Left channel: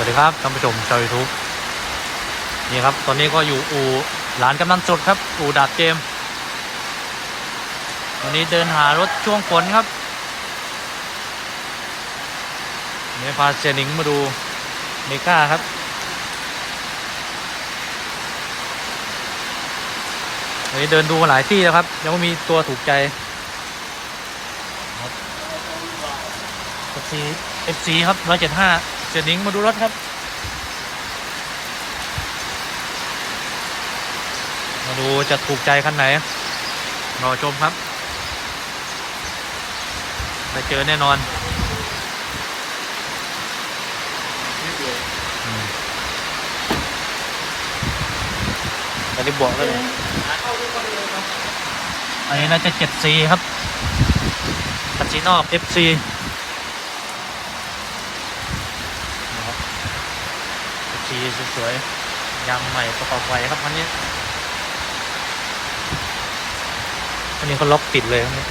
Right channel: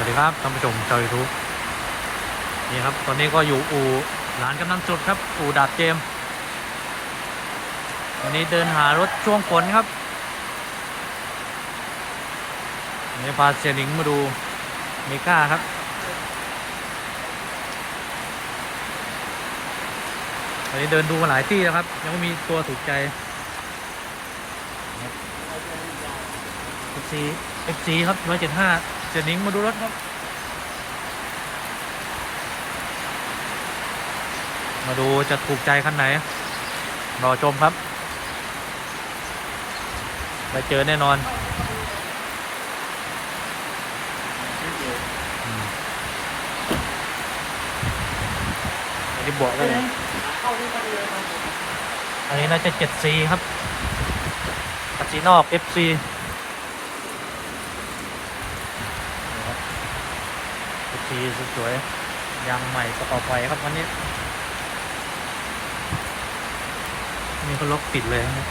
สวัสดีครับท่านผู้ชมชาวยูทูบนี่ครับ ตอนนี้ก็อยู่อู่ร้านกำนันสุดครับ อู่ดาบเจม วันนี้เดินหารถช่วงฝนครับนี่พาเสียหนิงมาดูเมก้าครับวันนี้เดินดูมาหลายที่แล้วครับ ยังไม่มีตัวถูกใจครับ FC FC ครับร้อยเจ็ดห้า สียหนิงมาดูรถครับ มาดูจะถูกใจคันไหน รอชมครับได้เจอแน่นอนอืมอันนี้บอกได้เลยอันนี้น่าจะ 7C ครับคันสีนอก FC นี่ครับ FC สวยๆยางใหม่ประกอบไฟครับคันนี้วันนี้เขาล็อกติดเลยครับนี่ย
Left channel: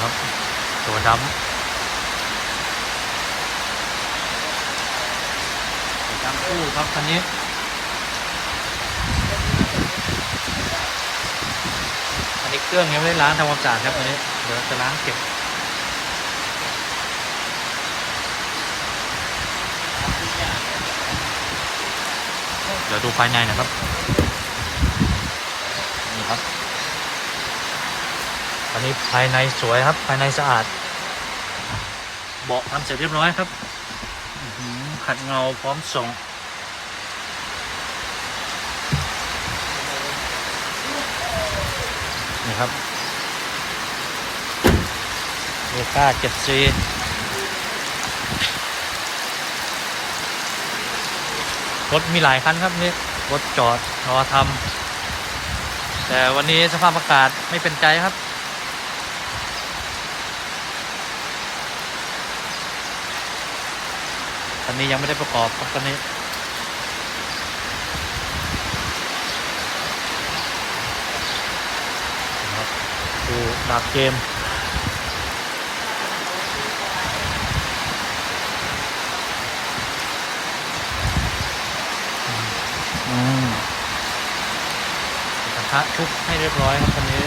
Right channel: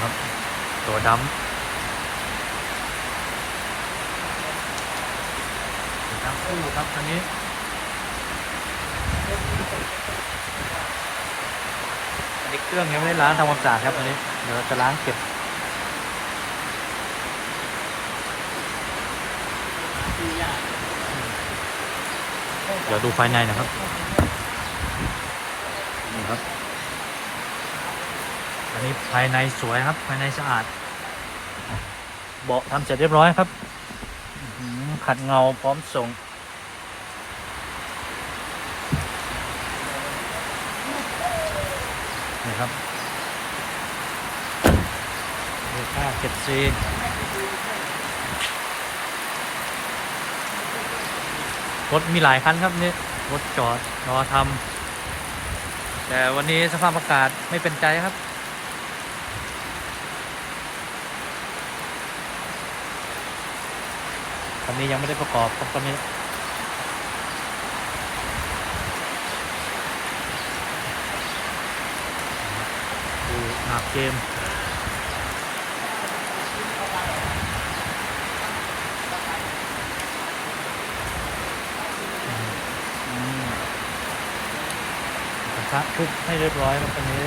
ครับ ตัวดำตัวทั้งคู่ครับคันนี้อันนี้เครื่องยังไม่ได้ล้างทำความสะอาดครับอันนี้ เดี๋ยวจะล้างเก็บ ดี๋ยวดูภายในนะครับ นี่ครับ อันนี้ภายในสวยครับ ภายในสะอาด เบาะทำเสร็จเรียบร้อยครับขัดเงาพร้อมส่งนี่ครับเรก้าเจ็ดซี รถมีหลายคันครับนี่รถจอดรอทำแต่วันนี้สภาพอากาศไม่เป็นใจครับ คันนี้ยังไม่ได้ประกอบครับคันนี้ครับคือดาบเกม ระทุบให้เรียบร้อยครับคันนี้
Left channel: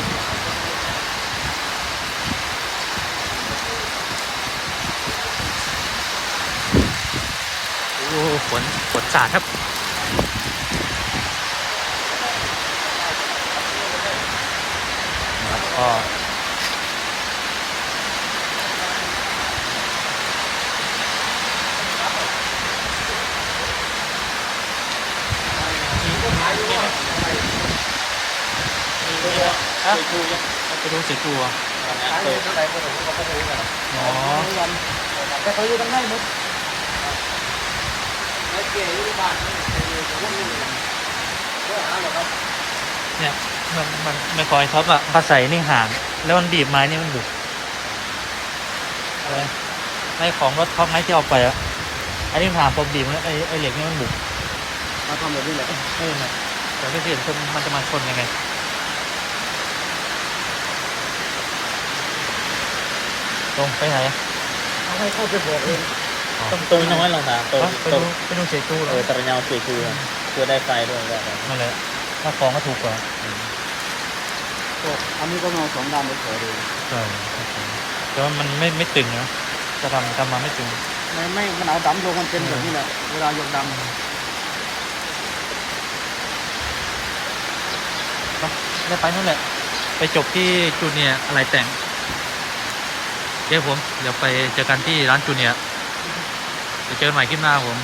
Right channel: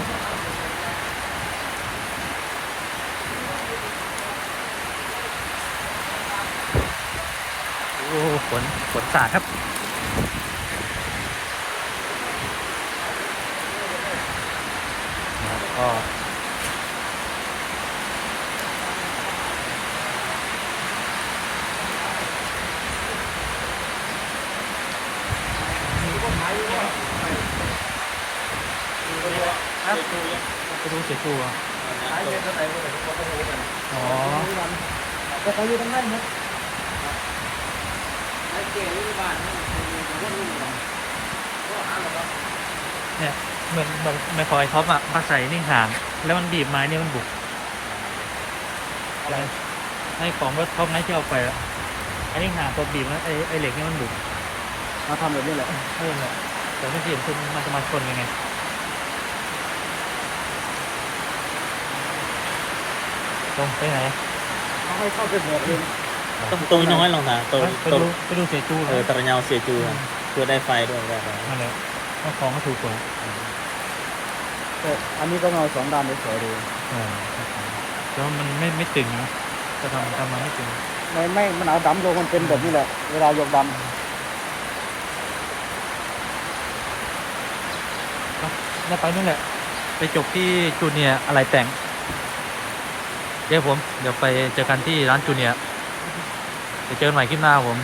โอ้ฝนฝนสาดครับนะครับก็ ฮะไปดูเสียจูอะอ๋อเนี่ยเหมือนเหมือนไม่คอยท็อปอะเขาใส่นี่ห่าง แล้วมันบีบไม้นี่มันบุกใช่ไหมในของรถท็อปไงที่เอาไปอะอันนี้ห่างตัวบีบนะไอไอเหล็กนี่มันบุกมันทำแบบนี้แหละเออเนี่ยแต่ไม่เห็นคือมันจะมาชนยังไง ตรงไปไหนอะไม่เข้าไปบอกเองอ๋อตรงนี้น้อยลงมาตัวไปดูไปดูเสียจูเอเลอยตระเงาเสียจูเพื่อได้ไฟด้วยนั่นแหละถ้าของก็ถูกกว่าอันนี้ก็มาสองด้านเฉยๆเลยใช่แต่ว่ามันไม่ไม่ตึงนะจะทำทำมาไม่ตึงไม่ไม่มันเอาดำโยงมันเป็นแบบนี้แหละ เวลายกดได้ไปนู่นแหละ ไปจบที่จูเนียร์อะไรแต่ง เดี๋ยวผม เดี๋ยวไปเจอกันที่ร้านจูเนียร์เดี๋ยวเจอกันใหม่คลิปหน้าผม